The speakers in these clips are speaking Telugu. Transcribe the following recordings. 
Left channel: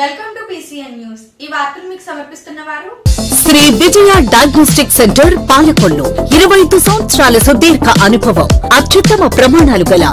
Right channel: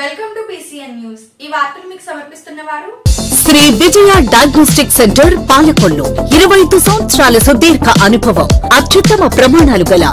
Welcome to PCN news. ఈ వార్తలు మీకు సమర్పిస్తున్నవారు శ్రీ విజయ డయాగ్నోస్టిక్ సెంటర్ పాలకొల్లు. 25 సంవత్సరాల సుదీర్ఘ అనుభవం, అత్యుత్తమ ప్రమాణాలు గల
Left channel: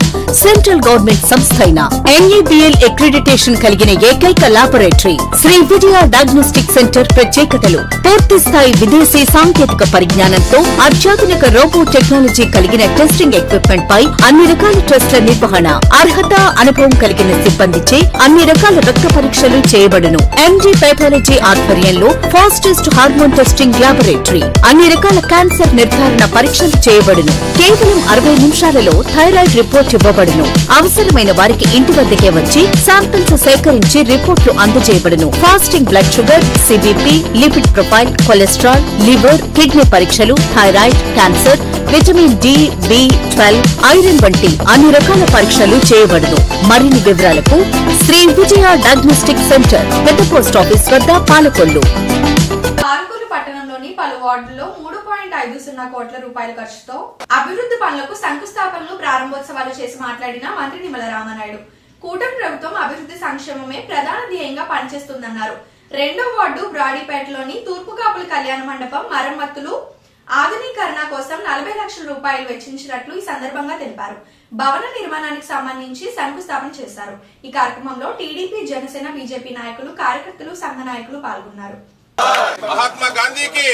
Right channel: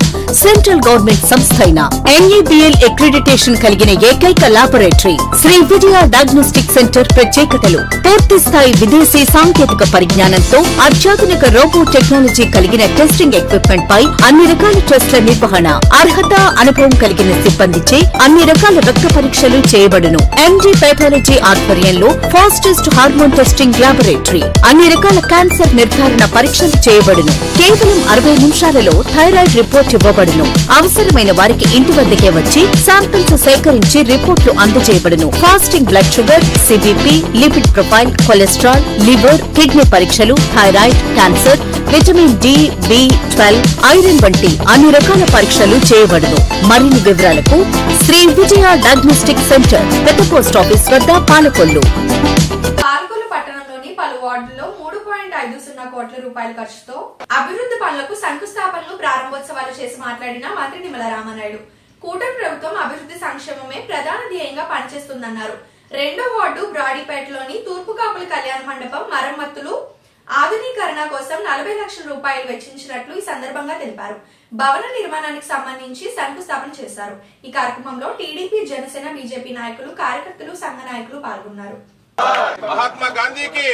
సెంట్రల్ గవర్నమెంట్ సంస్థ అయిన NABL అక్రిడిటేషన్ కలిగిన ఏకైక laboratory Shri Vijaya diagnostic centre. ప్రత్యేకతలు: పూర్తి స్థాయి విదేశీ సాంకేతిక పరిజ్ఞానంతో అత్యాధునిక రోబో టెక్నాలజీ కలిగిన టెస్టింగ్ ఎక్విప్మెంట్ పై అన్ని రకాల టెస్టుల నిర్వహణ, అర్హత, అనుభవం కలిగిన సిబ్బందిచే అన్ని రకాల రక్త పరీక్షలు చేయబడును. MD పైథాలజీ ఆధ్వర్యంలో ఫాస్టెస్ట్ హార్మోన్ టెస్టింగ్ లాబొరేటరీ, అన్ని రకాల క్యాన్సర్ నిర్ధారణ పరీక్షలు చేయబడును. కేవలం 60 నిమిషాలలో థైరాయిడ్ రిపోర్ట్ ఇవ్వబడును. అవసరమైన వారికి ఇంటి వద్దకే వచ్చి శాంపిల్స్ సేకరించి రిపోర్టులు అందజేయబడును. Fasting blood sugar, CBP, lipid profile, cholesterol, liver, kidney పరీక్షలు, thyroid, cancer, vitamin D, B12, iron వంటి అన్ని రకాల పరీక్షలు చేయబడును. మరిన్ని వివరాలకు శ్రీ విజయ డయాగ్నోస్టిక్ సెంటర్, పెద్ద పోస్ట్ ఆఫీస్ వద్ద, పాలకొల్లు. పాలకొల్లు పట్టణంలోని పలు వార్డుల్లో 3.50 కోట్ల రూపాయల ఖర్చుతో అభివృద్ధి పనులకు శంకుస్థాపనలు, ప్రారంభోత్సవాలు చేసి మాట్లాడిన మంత్రి నిమ్మల రామనాయుడు, కూటమి ప్రభుత్వం అభివృద్ధి సంక్షేమమే ప్రధాన ధ్యేయంగా పనిచేస్తుందన్నారు. 2వ వార్డు బ్రాడీపేటలోని తూర్పు కాపుల కళ్యాణ మండపం మరమ్మతులు, ఆధునీకరణ కోసం 40 లక్షల రూపాయలు వెచ్చించినట్లు ఈ సందర్భంగా తెలిపారు. భవన నిర్మాణానికి సంబంధించి శంకుస్థాపన చేశారు. ఈ కార్యక్రమంలో టీడీపీ, జనసేన, బీజేపీ నాయకులు, కార్యకర్తలు, సంఘ నాయకులు పాల్గొన్నారు. మహాత్మా గాంధీకి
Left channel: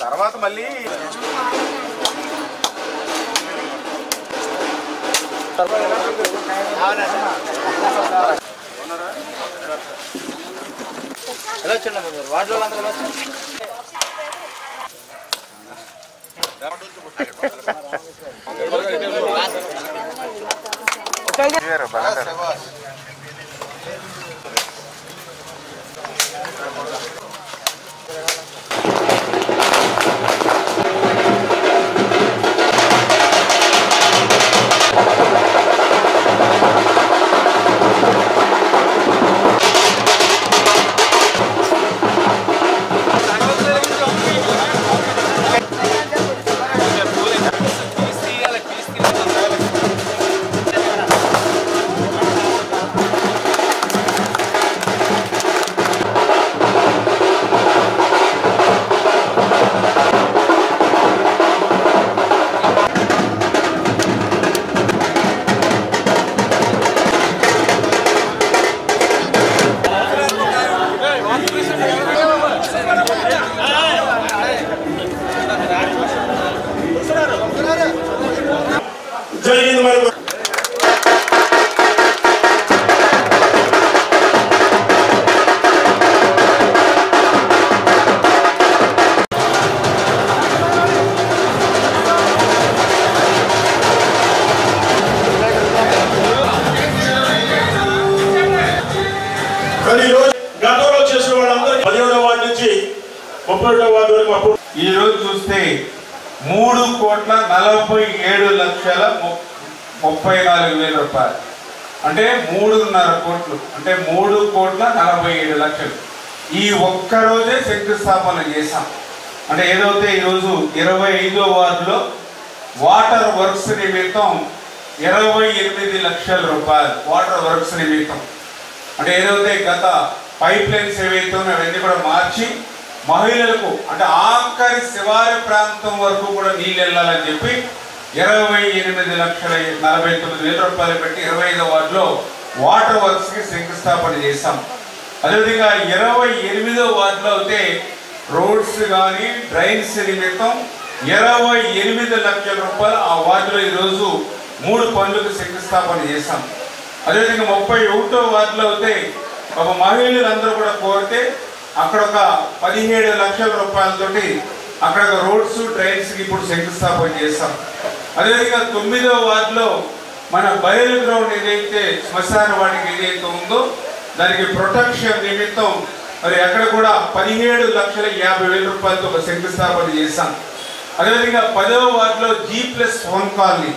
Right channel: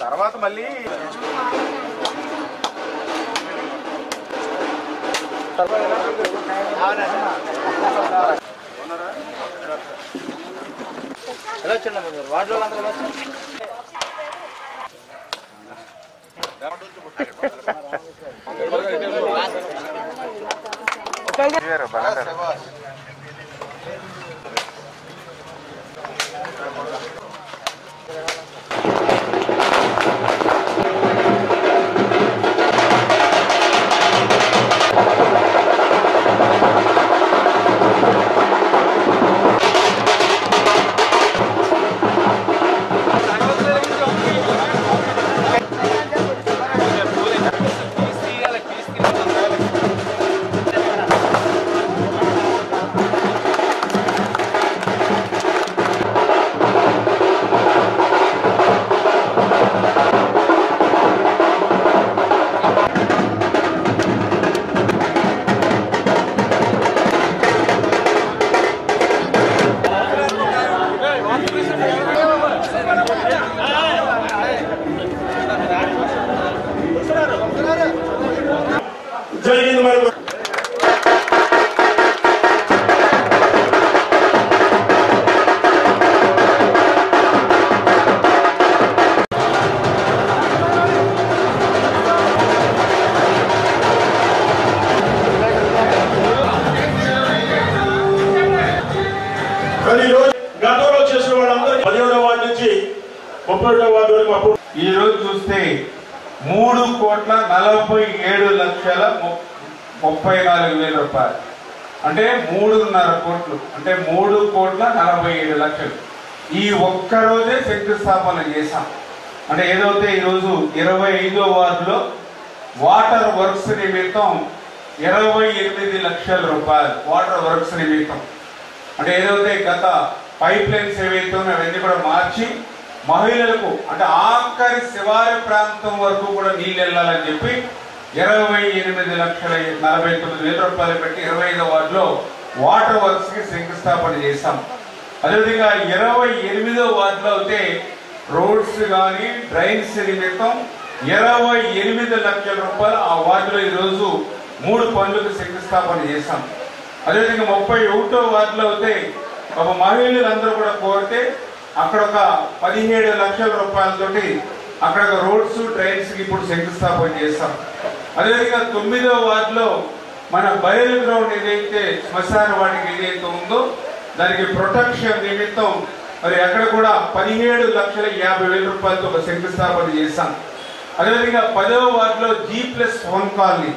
తర్వాత మళ్ళీ ఈ రోజు చూస్తే 3,47,34,000 రూపాయలు, అంటే 3.5 కోట్లు, అంటే 3,47,00,000 ఈ ఒక్క రోజే శంకుస్థాపన చేశాం. అంటే ఏదైతే ఈరోజు 25వ వార్డులో వాటర్ వర్క్స్ నిమిత్తం 28 లక్షల రూపాయలు వాటర్ వర్క్స్ నిమిత్తం, అంటే ఏదైతే గత పైప్ లైన్స్ ఏవైతే అవన్నీ కూడా మార్చి మహిళలకు, అంటే ఆఖరి శివారి ప్రాంతం వరకు కూడా నీళ్ళు వెళ్ళాలని చెప్పి 28,49,000 రూపాయలు పెట్టి 25వ వార్డులో వాటర్ వర్క్స్ కి శంకుస్థాపన చేశాం. అదేవిధంగా 28వ వార్డులో అయితే రోడ్స్ కానీ డ్రైన్స్ నిమిత్తం 28 లక్షల రూపాయలు ఆ వార్డులో ఈరోజు 3 పనులకు శంకుస్థాపన చేశాం. అదేవిధంగా 31వ వార్డులో అయితే ఒక మహిళలందరూ కూడా కోరితే అక్కడ ఒక 17 లక్షల రూపాయలతోటి అక్కడ రోడ్స్ డ్రైన్స్ కి ఇప్పుడు శంకుస్థాపన చేశాం. అదేవిధంగా 9వ వార్డులో మన బయలు గ్రౌండ్ ఏదైతే శ్మశాన వాటికి ఏదైతే ఉందో దానికి ప్రొటెక్షన్ నిమిత్తం మరి అక్కడ కూడా 17,50,000 రూపాయలతో ఒక శంకుస్థాపన చేశాం. అదేవిధంగా 10వ వార్డులో G+1 కాలనీ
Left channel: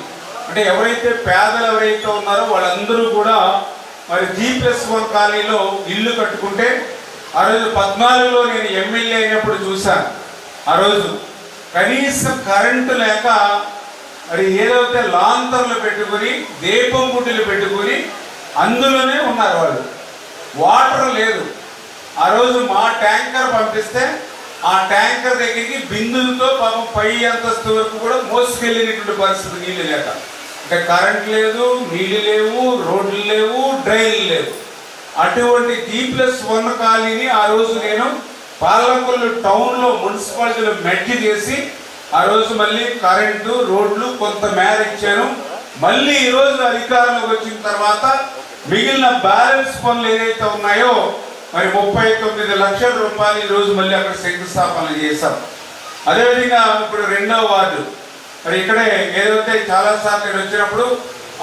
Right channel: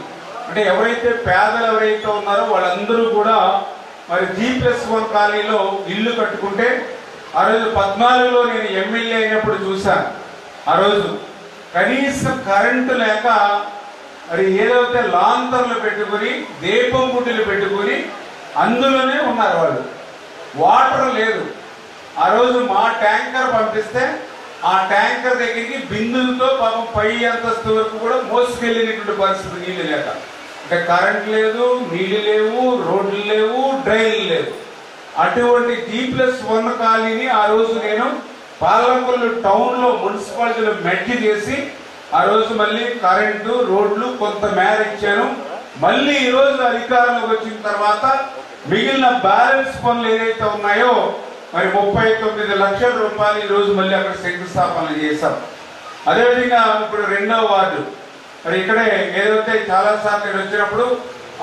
అంటే ఎవరైతే పేదలు ఎవరైతే ఉన్నారో వాళ్ళందరూ కూడా మరి G+1 కాలనీలో ఇల్లు కట్టుకుంటే ఆ రోజు 14లో నేను ఎమ్మెల్యే అయినప్పుడు చూశాను. ఆ రోజు కనీసం కరెంటు లేక మరి ఏదైతే లాంతర్లు పెట్టుకుని దీపం గుడ్డలు పెట్టుకుని అందులోనే ఉన్నారు వాళ్ళు. వాటర్ లేదు. ఆ రోజు మా ట్యాంకర్ పంపిస్తే ఆ ట్యాంకర్ దగ్గరికి బిందులతో పాపం పై అంతస్తు వరకు కూడా మోసుకెళ్ళినటువంటి పరిస్థితి నీళ్లు లేక. అంటే కరెంట్ లేదు, నీళ్లు లేవు, రోడ్లు లేవు, డ్రైన్లు లేవు. అటువంటి G+1 కాలనీని ఆ రోజు నేను పాలకొల్లు టౌన్ లో మున్సిపాలిటీలో మెట్టి చేసి ఆ రోజు మళ్ళీ కరెంటు రోడ్లు కొంత మేర ఇచ్చాను. మళ్ళీ ఈ రోజు అధికారంలోకి వచ్చిన తర్వాత మిగిలిన బ్యాలెన్స్ పనులు ఏదైతే ఉన్నాయో మరి 39 లక్షల రూపాయలు ఈ రోజు మళ్ళీ అక్కడ శంకుస్థాపన చేశాం. అదేవిధంగా ఇప్పుడు 2వ వార్డు మరి ఇక్కడే ఏదైతే చాలా సార్లు నేను వచ్చినప్పుడు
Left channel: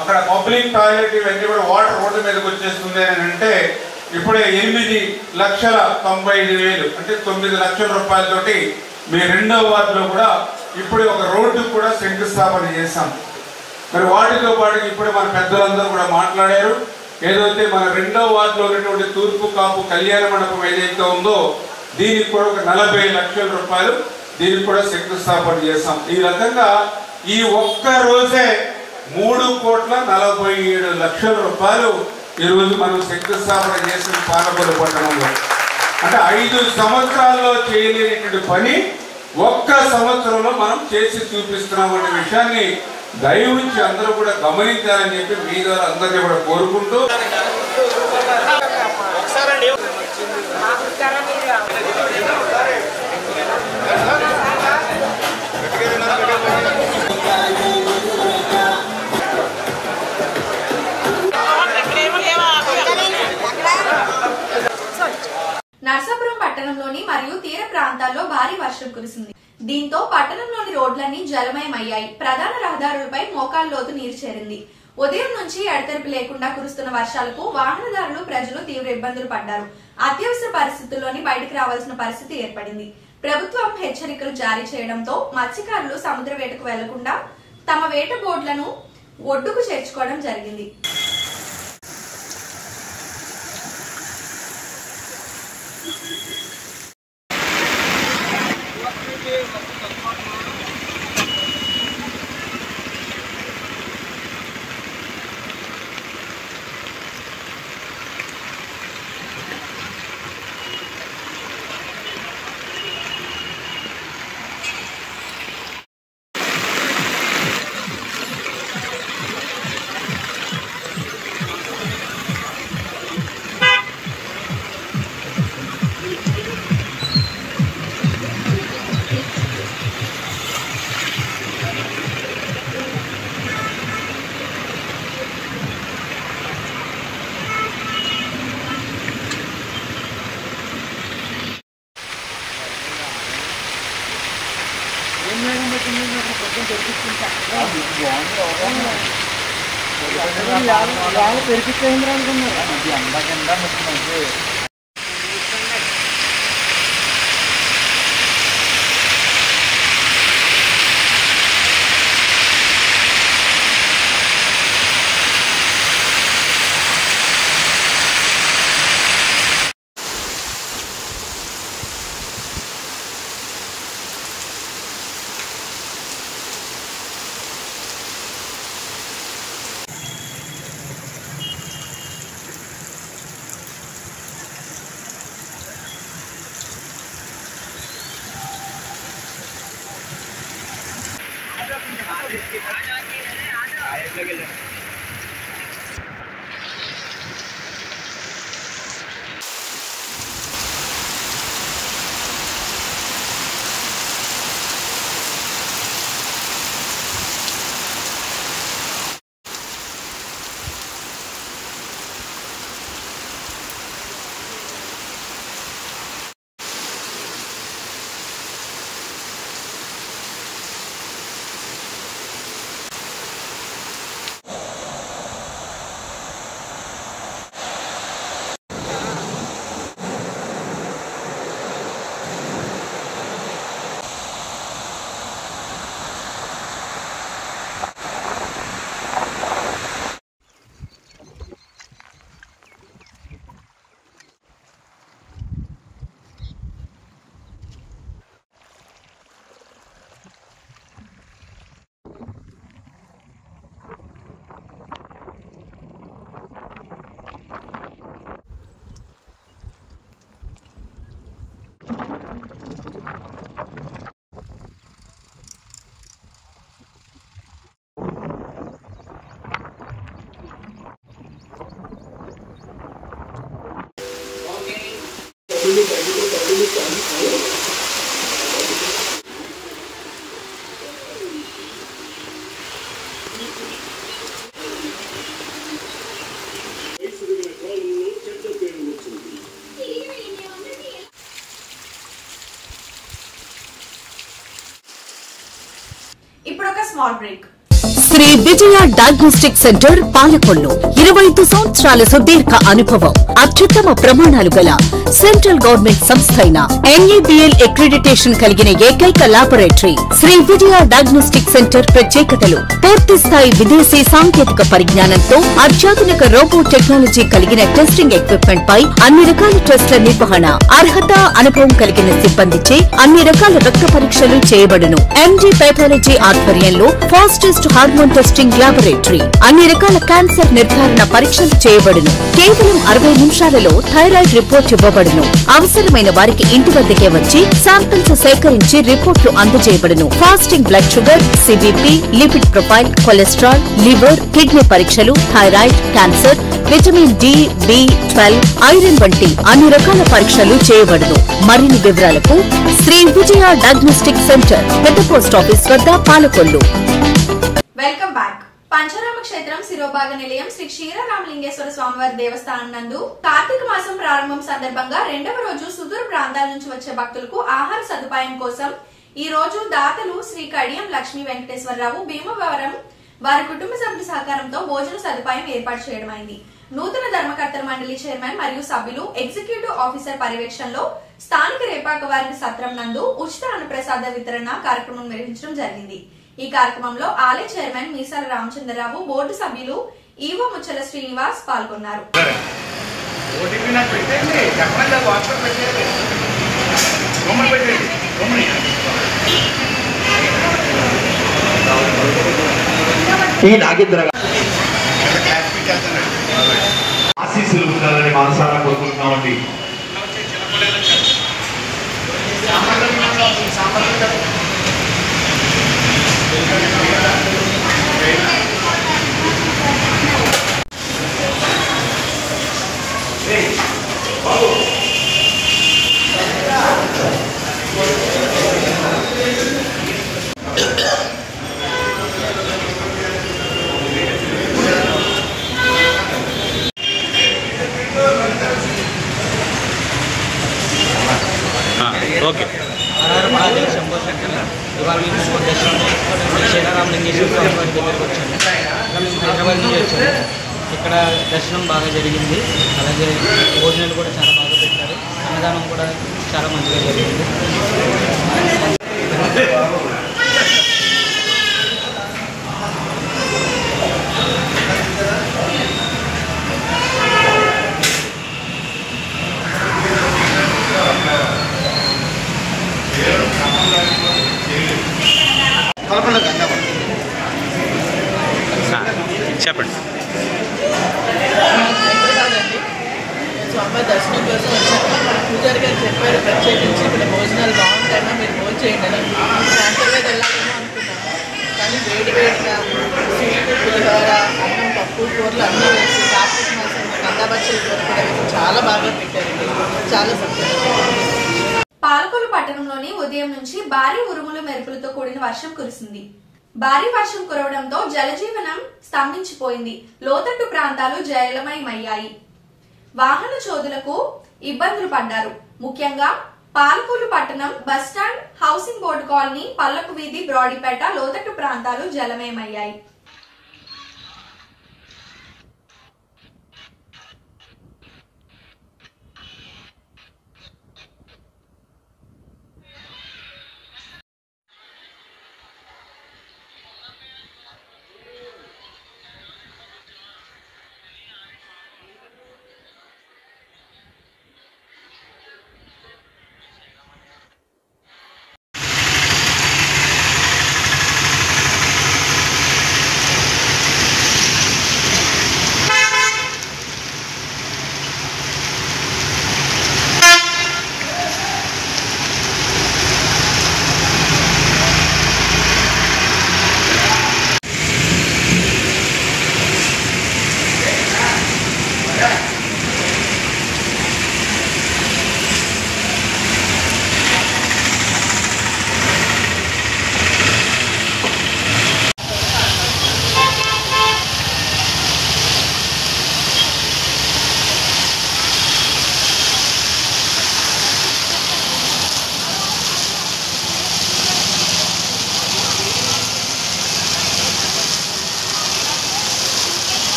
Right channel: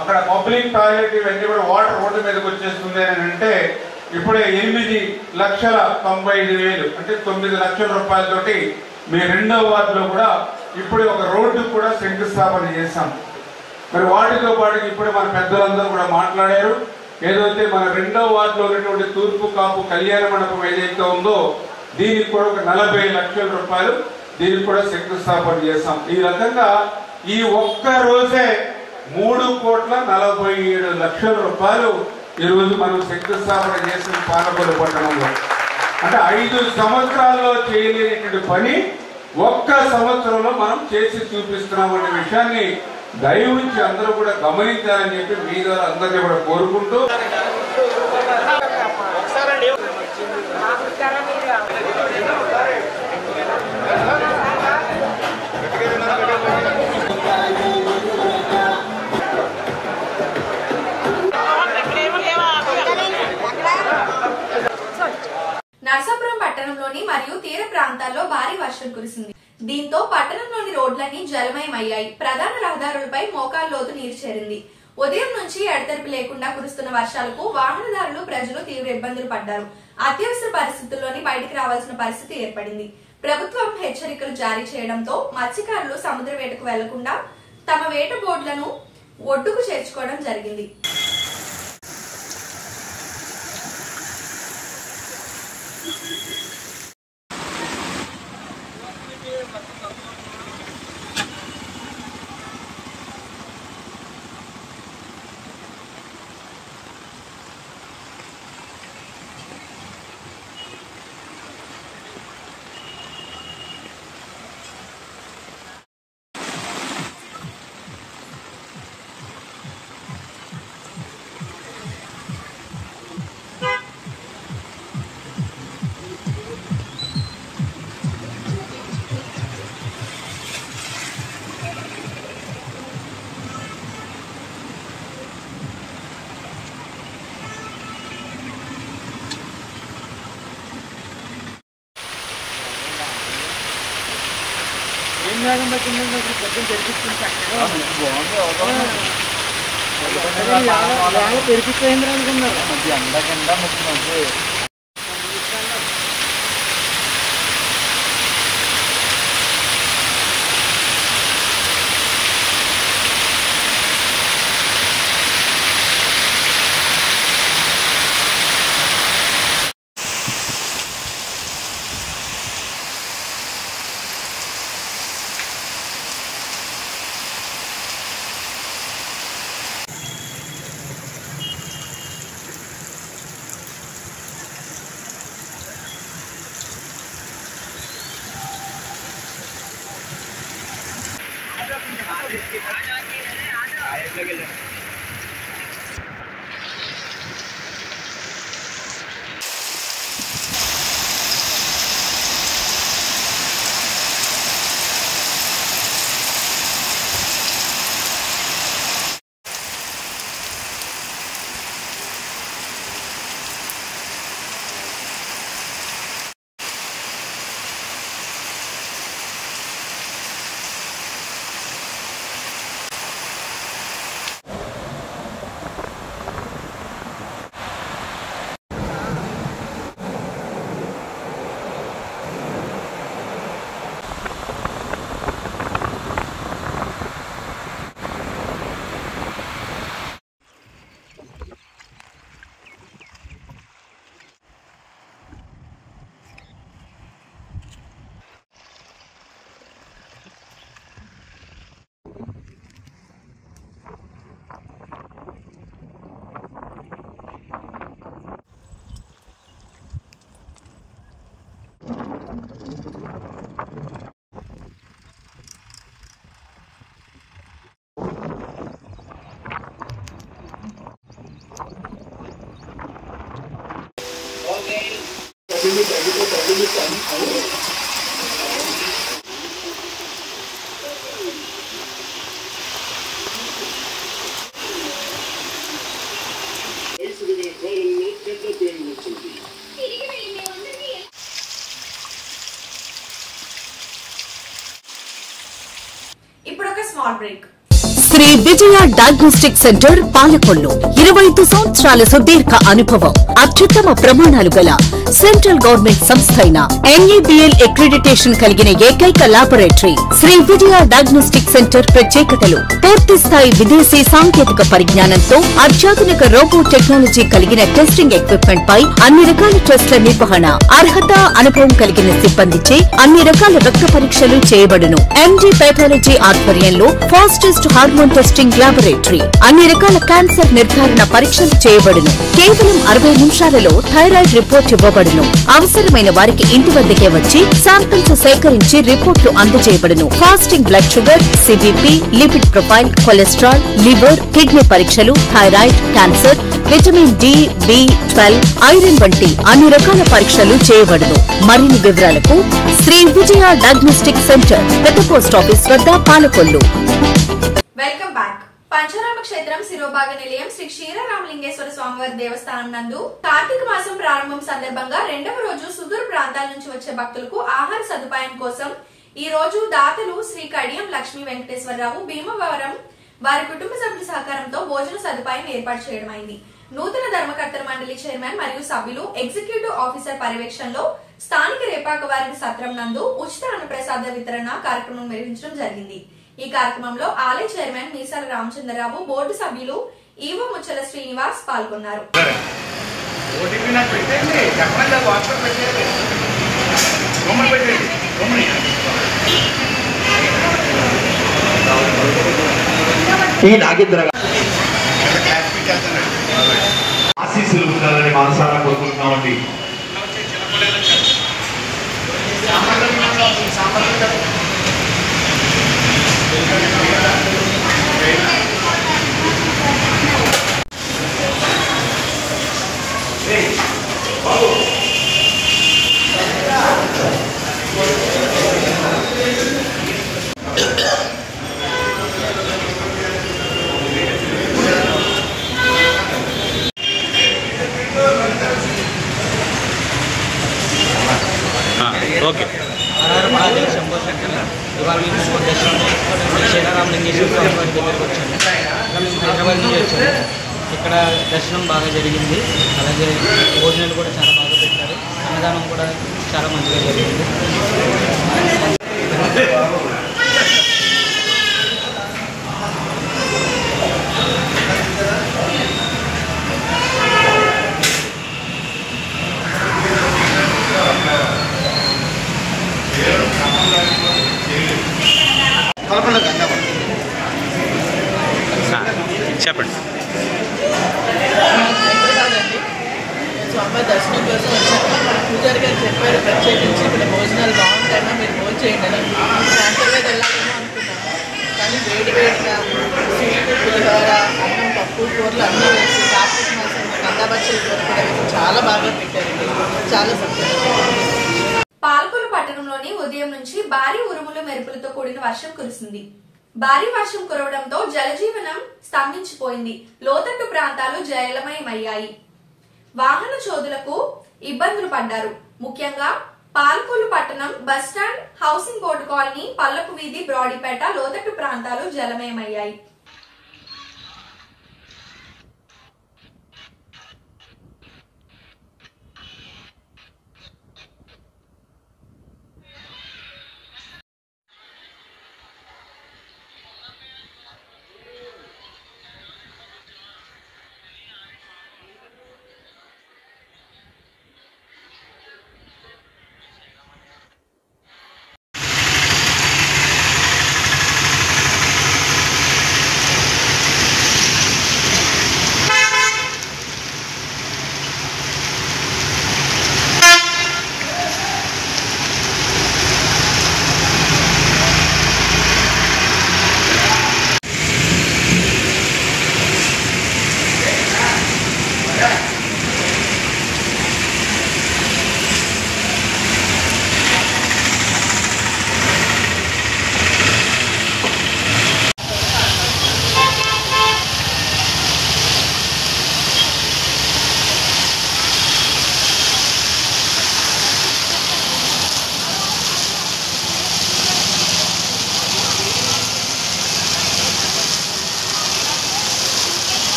అక్కడ పబ్లిక్ టాయిలెట్ ఇవన్నీ కూడా వాటర్ రోడ్డు మీదకి వచ్చేస్తుంది అని అంటే ఇప్పుడే 8,95,000 అంటే 9 లక్షల రూపాయలతోటి మీ 2వ వార్డులో కూడా ఇప్పుడు ఒక రోడ్డు కూడా శంకుస్థాపన చేశాం. మరి వాటితో పాటు ఇప్పుడు మన పెద్దలందరూ కూడా మాట్లాడారు. ఏదైతే మన 2వ వార్డులో ఉన్నటువంటి తూర్పు కాపు కళ్యాణ మండపం ఏదైతే ఉందో దీనికి కూడా ఒక 40 లక్షల రూపాయలు దీనికి కూడా శంకుస్థాపన చేశాం. ఈ రకంగా ఈ ఒక్క రోజే 3,47 లక్షల రూపాయలు ఈ రోజు మనం శంకుస్థాపన చేసిన పాలకొల్లు పట్టణంలో. అంటే 5 సంవత్సరాల్లో చేయలేనటువంటి పని ఒక్క సంవత్సరంలో మనం చేసి చూపిస్తున్నాం అనే విషయాన్ని దయవుంచి అందరూ కూడా గమనించాలని చెప్పి మీ ద్వారా అందరినీ కూడా కోరుకుంటూ నర్సాపురం పట్టణంలోని మరియు తీర ప్రాంతాల్లో భారీ వర్షం కురిసింది. దీంతో పట్టణంలోని రోడ్లన్నీ జలమయమయ్యాయి. ప్రధాన రహదారులపై మోకాలు లోతు నీరు చేరింది. ఉదయం నుంచి ఎడతెరిపి లేకుండా కురుస్తున్న వర్షాలకు వాహనదారులు ప్రజలు తీవ్ర ఇబ్బందులు పడ్డారు. అత్యవసర పరిస్థితుల్లోని బయటకు రావాల్సిన పరిస్థితి ఏర్పడింది. ప్రభుత్వం హెచ్చరికలు జారీ చేయడంతో మత్స్యకారులు సముద్ర వేటకు వెళ్లకుండా తమ వేట బోట్లను ఒడ్డుకు చేర్చుకోవడం జరిగింది. ఇప్పుడు ఒక small break. Shri Vijaya diagnostic centre Palakollu 25 సంవత్సరాల సుదీర్ఘ అనుభవం, అత్యుత్తమ ప్రమాణాలు గల సెంట్రల్ గవర్నమెంట్ సంస్థ అయిన NABL అక్రిడిటేషన్ కలిగిన ఏకైక laboratory Shri Vijaya diagnostic centre ప్రత్యేకతలు పూర్తి స్థాయి విదేశీ సాంకేతిక పరిజ్ఞానంతో అత్యాధునిక రోబో టెక్నాలజీ కలిగిన టెస్టింగ్ ఎక్విప్మెంట్ పై అన్ని రకాల టెస్టుల నిర్వహణ, అర్హత, అనుభవం కలిగిన సిబ్బందిచే అన్ని రకాల రక్త పరీక్షలు చేయబడును. MD పైథాలజీ ఆధ్వర్యంలో ఫాస్టెస్ట్ హార్మోన్ టెస్టింగ్ లాబొరేటరీ, అన్ని రకాల క్యాన్సర్ నిర్ధారణ పరీక్షలు చేయబడును. కేవలం 60 నిమిషాలలో థైరాయిడ్ రిపోర్ట్ ఇవ్వబడును. అవసరమైన వారికి ఇంటి వద్దకే వచ్చి శాంపిల్స్ సేకరించి రిపోర్టులు అందజేయబడును. Fasting blood sugar, CBP, lipid profile, cholesterol, liver, kidney పరీక్షలు, thyroid, cancer, vitamin D, B12, iron వంటి అన్ని రకాల పరీక్షలు చేయబడును. మరిన్ని వివరాలకు శ్రీ విజయ డయాగ్నోస్టిక్ సెంటర్, పెద్ద పోస్ట్ ఆఫీస్ వద్ద, పాలకొల్లు. Welcome back. పంచరామ క్షేత్రం శిరోభాగ నిలయం శ్రీ క్షీరరామలింగేశ్వర స్వామివారి దేవస్థానం నందు కార్తీక మాసం ప్రారంభం సందర్భంగా 2వ రోజు సుదూర ప్రాంతాల నుంచి వచ్చే భక్తులకు ఆహార సదుపాయం కోసం ఈ రోజు దాతలు శ్రీ కడియం లక్ష్మీ వెంకటేశ్వరరావు, భీమవరం వారి కుటుంబ సభ్యుల సహకారంతో భోజన సదుపాయం ఏర్పాటు చేయడమైంది. నూతన ధర్మకర్తల మండలి చైర్మన్ మరియు సభ్యులు, ఎగ్జిక్యూటివ్ ఆఫీసర్ పర్యవేక్షణలో స్థానిక రేపాక వారి సత్రం నందు ఉచిత అన్నప్రసాద వితరణ కార్యక్రమం నిర్వహించడం జరిగింది. ఈ కార్యక్రమంలో ఆలయ చైర్మన్ మీసాల రామచంద్రరావు, బోర్డు సభ్యులు ఈవో ముచ్చల శ్రీనివాస్ పాల్గొన్నారు. ఆశీస్సులు ఉండాలని మనసారా కోరుకుంటున్నామండి. ఓకే శంభో శంకర్ ఇవాళ మేము క్షీరరామలింగేశ్వర స్వామి వారి దగ్గరకు వచ్చాము. మేము హైదరాబాద్ నుంచి వచ్చాము. ఇక్కడ దర్శనం బాగా జరిగింది. అలాగే భోజనాలు కూడా చాలా బాగా పెట్టారు. అన్నదానం కూడా చాలా మంచిగా జరిగింది. చెప్పండి. స్వామి దర్శనం కోసం వచ్చాము. పూజారి గారు చెప్పారు ప్రత్యేకించి ఇక్కడ భోజనాలు బాగుంటాయన్నా మీరు భోజనం చేయండి అని. శాంతిగా వెళ్ళాలేమో అనుకున్నాము. కానీ వేడివేడిగా స్వీట్, పులిహోర, అన్నం, పప్పు, కూరలు అన్నీ వేసి కార్తీక మాసం గంగాబచ్చలు కూర కూడా వేసి చాలా బాగా పెట్టారండి. చాలా సంతోషం. పాలకొల్లు పట్టణంలోని ఉదయం నుంచి భారీ ఉరుములు మెరుపులతో కూడిన వర్షం కురిసింది. భారీ వర్షం కురవడంతో జలజీవనం స్తంభించిపోయింది. లోతట్టు ప్రాంతాలు జలమయమయ్యాయి. వాహన చోదులకు ఇబ్బందులు పడ్డారు. ముఖ్యంగా పాలకొల్లు పట్టణం బస్టాండ్, హౌసింగ్ బోర్డు కాలనీ, పల్లపు వీధి, బ్రాడీపేట లోతట్టు ప్రాంతాలు జలమయమయ్యాయి.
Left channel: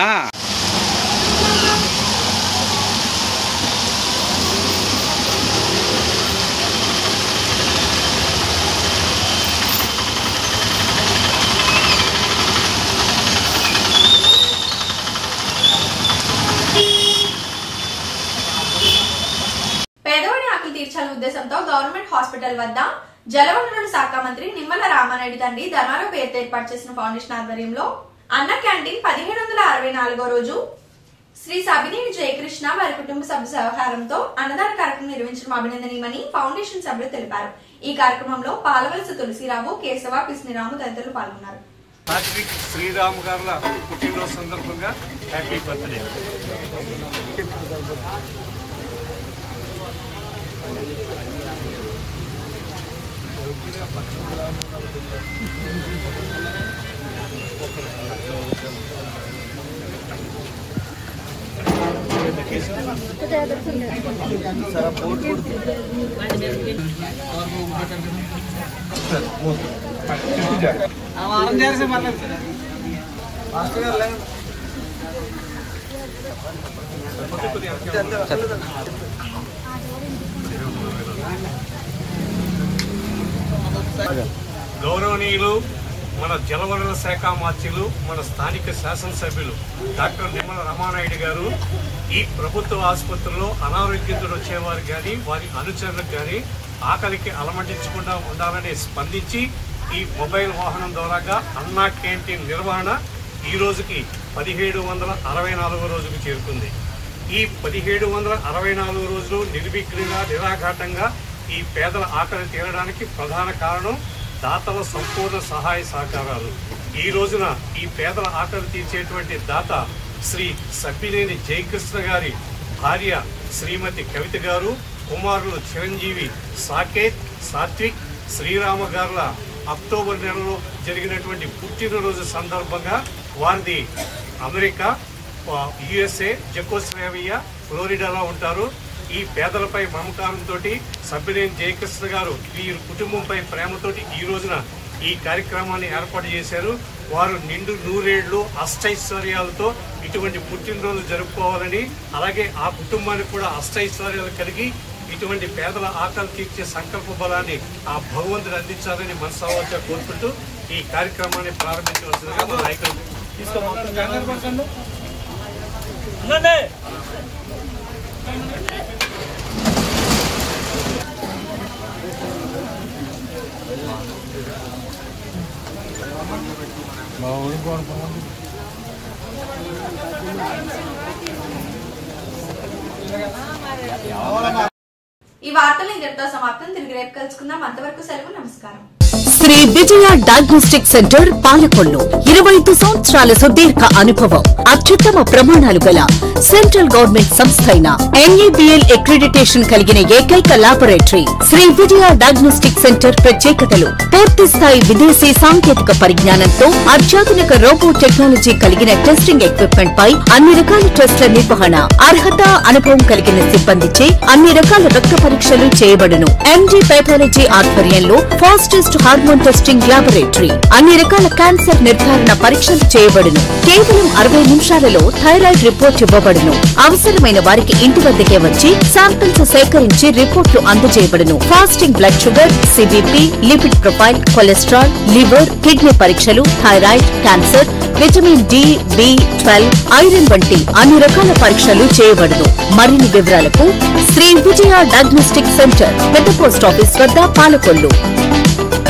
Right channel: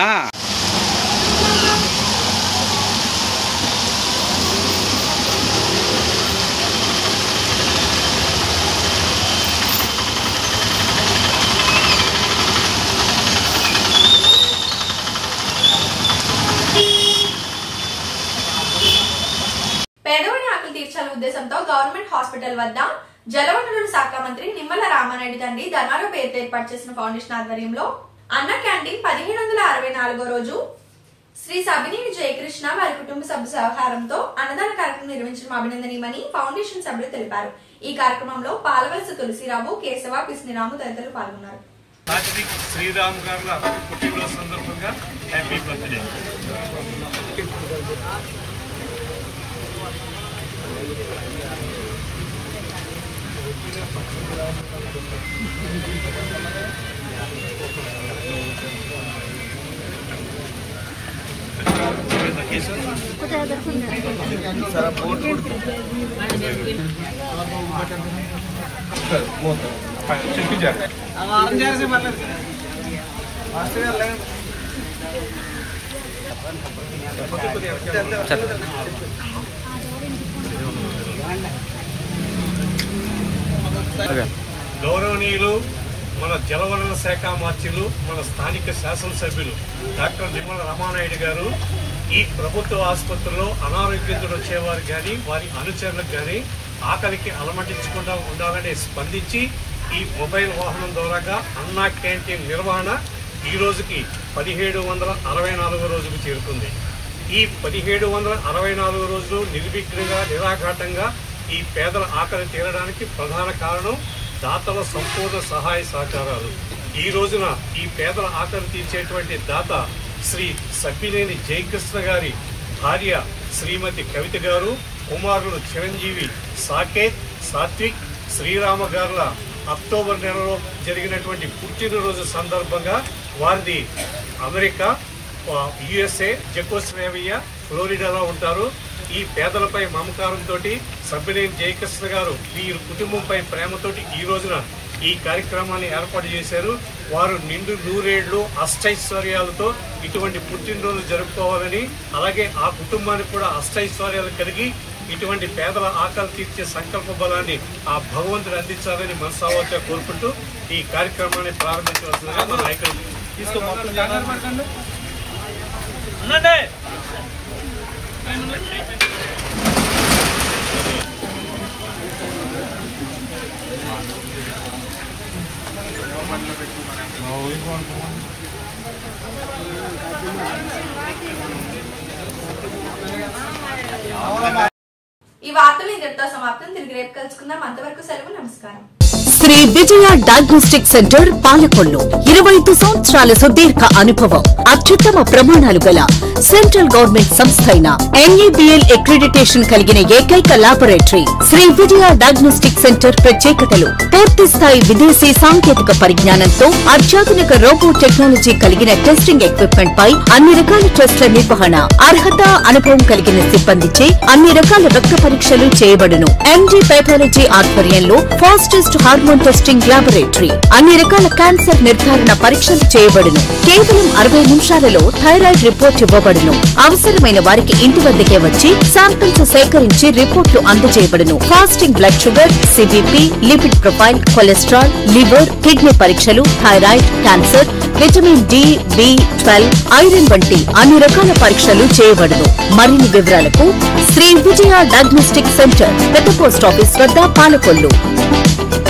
పేదవాడి ఆకలి తీర్చాలనే ఉద్దేశంతో గవర్నమెంట్ హాస్పిటల్ వద్ద జలవనరుల శాఖ మంత్రి నిమ్మల రామానాయుడు తండ్రి ధర్మారావు పేరుతో ఏర్పాటు చేసిన ఫౌండేషన్ ఆధ్వర్యంలో అన్న క్యాంటీన్ 1764వ రోజు శ్రీ సబినేని జయకృష్ణ వారి కుటుంబ సభ్యుల సహకారంతో అన్నదాన కార్యక్రమం నిర్వహించడం అభినందనీయమని ఫౌండేషన్ సభ్యులు తెలిపారు. ఈ కార్యక్రమంలో పాలవలస తులసిరావు, కేశవ, పిస్నిరాము తదితరులు పాల్గొన్నారు. శ్రీరాము గారుల పుట్టినరోజు సందర్భంగా హ్యాపీ బర్త్డే. గౌరవనీయులు మన జలవనరుల శాఖ మంత్రులు, మన స్థానిక శాసనసభ్యులు డాక్టర్ నిమ్మల రామానాయుడు గారు ఈ ప్రభుత్వ ఆసుపత్రిలో అనారోగ్యంతో వచ్చేవారు కానీ వారి అనుచరులకు కానీ ఆకలికి అలమటించకుండా ఉండాలని స్పందించి ఈ మొబైల్ వాహనం ద్వారాగా అన్నా క్యాంటీన్ నిర్వహణ ఈ రోజుకి 1764వ రోజుకు చేరుకుంది. ఈ 1764 రోజులు నిర్విఘ్నంగా నిరాఘాటంగా ఈ పేదల ఆకలి తీరడానికి ప్రధాన కారణం దాతల సంపూర్ణ సహాయ సహకారాలు. ఈ రోజున ఈ పేదల ఆకలి తీర్చేటువంటి దాత శ్రీ సబ్బినేని జయకృష్ణ గారి భార్య శ్రీమతి కవిత గారు, కుమారులు చిరంజీవి, సాకేత్, సాత్విక్, శ్రీరామ గారుల అక్టోబర్ నెలలో జరిగినటువంటి పుట్టినరోజు సందర్భంగా వారిది అమెరికా, యుఎస్ఏ, జెకోస్లోవేకియా, ఫ్లోరిడాలో ఉంటారు. ఈ పేదలపై మమకారంతో సబ్బినేని జయకృష్ణ గారు వీరి కుటుంబంపై ప్రేమతోటి ఈ రోజున ఈ కార్యక్రమాన్ని ఏర్పాటు చేశారు. వారు నిండు నూరేళ్లు అష్టైశ్వర్యాలతో ఇటువంటి పుట్టినరోజు జరుపుకోవాలని, అలాగే ఆ కుటుంబానికి కూడా అష్టైశ్వర్యాలు కలిగి ఇటువంటి పేదల ఆకలి తీర్చే సంకల్ప బలాన్ని ఆ భగవంతుడు అందించాలని మనసావాచ కోరుకుంటూ ఈ కార్యక్రమాన్ని ప్రారంభించవలసిందిగా మా నాయకులు ఈ వార్తలు ఇంతటితో సమాప్తం. తిరిగి రేపు కలుసుకుందాం. అంతవరకు సెలవు. నమస్కారం. శ్రీ విజయ డయాగ్నోస్టిక్ సెంటర్ పాలకొల్లు 25 సంవత్సరాల సుదీర్ఘ అనుభవం, అత్యుత్తమ ప్రమాణాలు గల సెంట్రల్ గవర్నమెంట్ సంస్థ అయిన NABL అక్రిడిటేషన్ కలిగిన ఏకైక laboratory Shri Vijaya diagnostic centre. ప్రత్యేకతలు: పూర్తి స్థాయి విదేశీ సాంకేతిక పరిజ్ఞానంతో అత్యాధునిక రోబో టెక్నాలజీ కలిగిన టెస్టింగ్ ఎక్విప్మెంట్ పై అన్ని రకాల టెస్టుల నిర్వహణ, అర్హత, అనుభవం కలిగిన సిబ్బందిచే అన్ని రకాల రక్త పరీక్షలు చేయబడును. MD పెథాలజీ ఆధ్వర్యంలో ఫాస్టెస్ట్ హార్మోన్ టెస్టింగ్ ల్యాబొరేటరీ, అన్ని రకాల క్యాన్సర్ నిర్ధారణ పరీక్షలు చేయబడును. కేవలం 60 నిమిషాలలో థైరాయిడ్ రిపోర్ట్ ఇవ్వబడును. అవసరమైన వారికి ఇంటి వద్దకే వచ్చి శాంపిల్స్ సేకరించి రిపోర్టులు అందజేయబడును. Fasting blood sugar, CBP, lipid profile, cholesterol, liver, kidney పరీక్షలు, thyroid, cancer, vitamin D, B12, iron వంటి అన్ని రకాల పరీక్షలు చేయబడును. మరిన్ని వివరాలకు శ్రీ విజయ డయాగ్నోస్టిక్ సెంటర్, పెద్ద పోస్ట్ ఆఫీస్ వద్ద, పాలకొల్లు.